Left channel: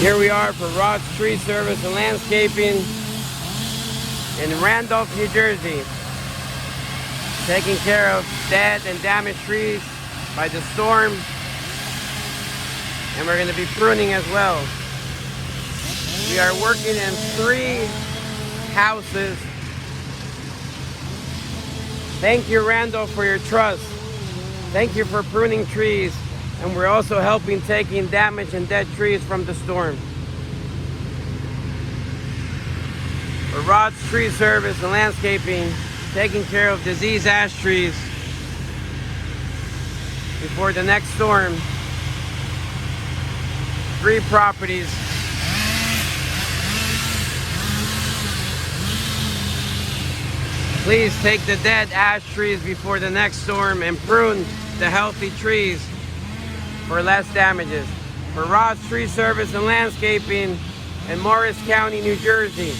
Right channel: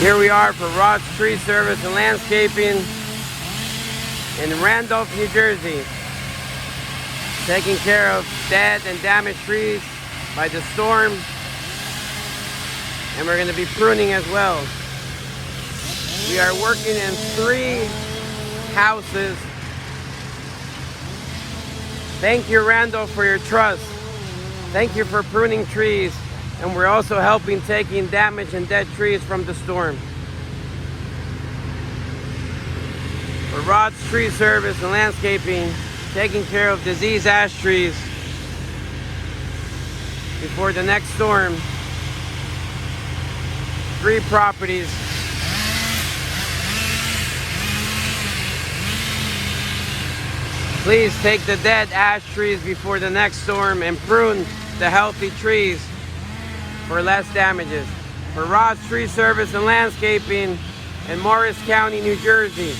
Here we are for Rod's Tree Service and Landscaping in Randolph, New Jersey. Taking care of dead and damaged trees by the storm. And we're going to be pruning as well. We are working in 3 houses. Thank you, Randolph, for your trust. Thank you for pruning trees. And we're also helping taking damaged and dead trees from the storm. For Rod's Tree Service and Landscaping, taking care of diseased ash trees before the next storm. 3 properties. Please take the dead ash trees before the next storm and prune the healthy trees for less damages. For Rod's Tree Service and Landscaping in Morris County, New Jersey.